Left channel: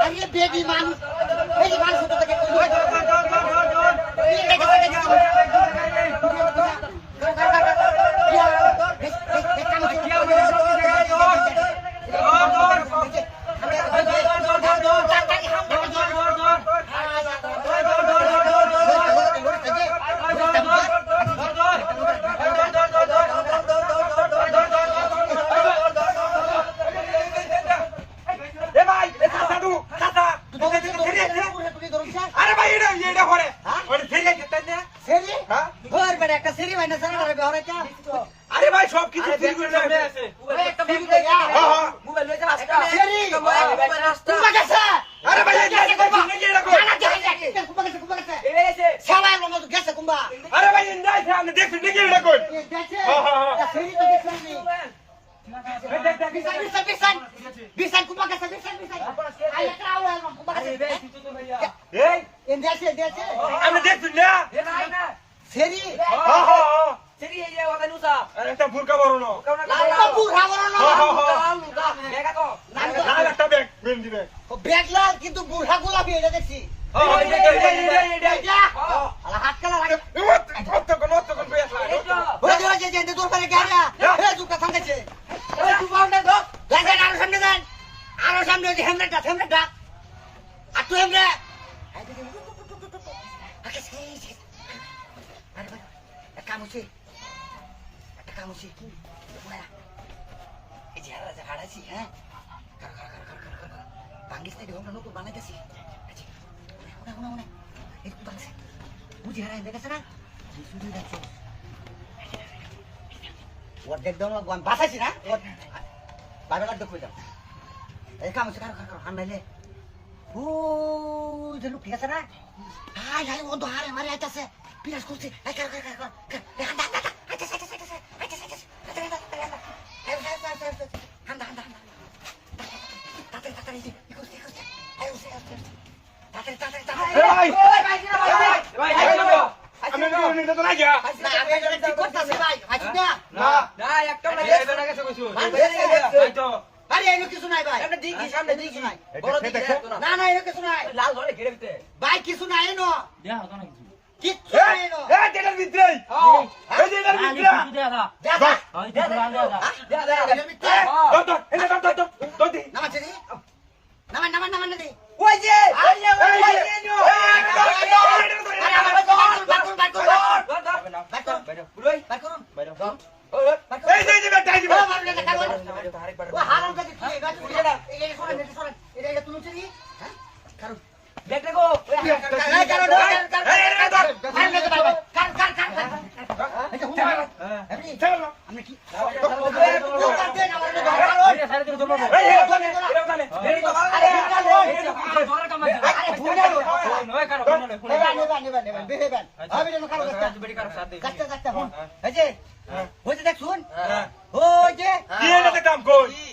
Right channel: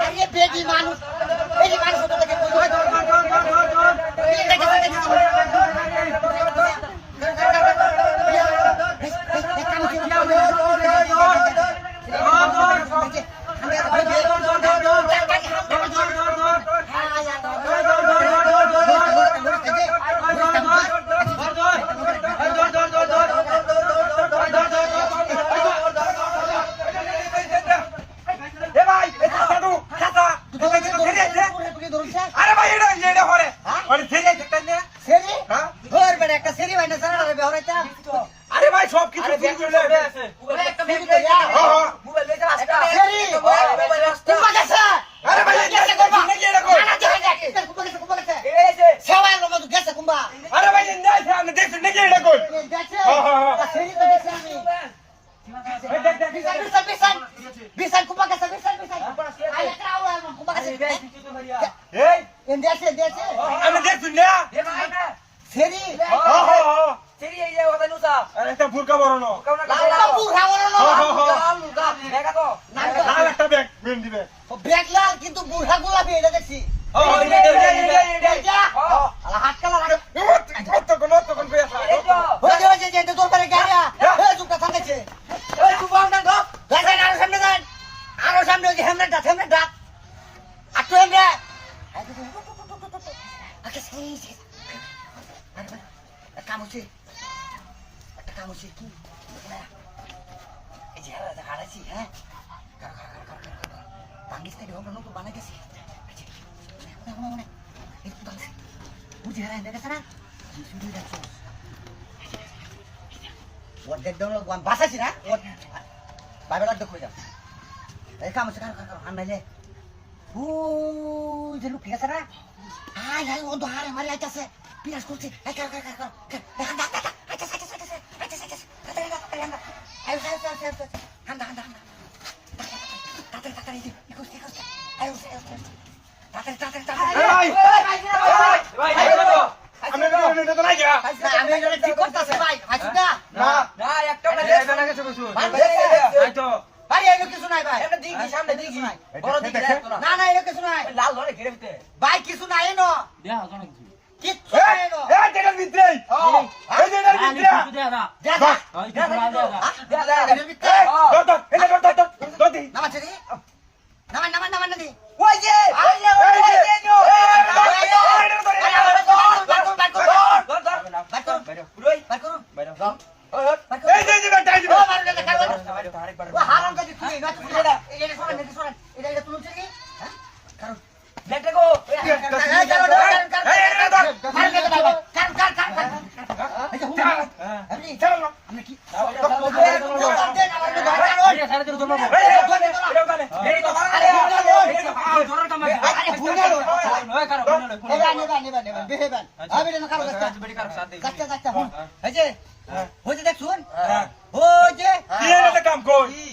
আরে বেডি মানুষ এই যে মানুষ তো দেখে আরে ভাই সব কিছু আছে একটা বেবি মোবাইল লইতে আসটা কুম্বা গেছে আরে ভাই গেছে কুম্বা নাকি এরকম না দেখে কুম্বা গেছে সেবাই লোক গেছে কুম্বা আরে ভাই নাই আপনি দেখছেন নাকি এরকম গেছে সেরি তো গেছে আমি বিশাল কুম্বা গেছে বিশাল আরে কাউলা কুম্বা গেছে এই এন দেখে আপনি দেখছেন না সেরি Seri এই যে কথা নুসা আরে একটা বুরকা বড় না লাল পুরা বড় দেখা তো লাল একটা ব্যাগ বেন দিবে বেগলা কিন্তু বুড়া গোলাপি এটা দেখছি হাত কালা লাগে কত কোন পেছা ওই যে তোর করে গাড়িয়া এই চুপটা থামতেছে ওই তুই বাউন্ডার গো দেখেন আরো সামনে ওই যে হেমরেটা আর তো হেমরে আকে সেই আরে ভাই কাম হচ্ছে কি এই যে হারাইছি হ্যাঁ পাকিস্তানি হোম নতুন বানাইতেছি মনে এই তো আছে বুঝি হারাই দেখেছ না শুরু দেখছো ওর দেখ দাও না বাসাইছি না ওর বাইরে লাগ দেখো যা এই কাম হচ্ছে কার আনলে ও যে লোক ঠিক আছে না হাই ও তো হারে মারি আইতাছে পিরাস করছে এই কার কিছু নাই ভাই সামনে দেখি বড় দিকে না কিছু নাই লাল ধরে ঘিরে দিতে ভাই কিছু নাই নো কিচ্ছু নাই নো এই যেটার ভিতরে এই যেটার ভিতরে দেখা নামা দি ওই যে কাম কই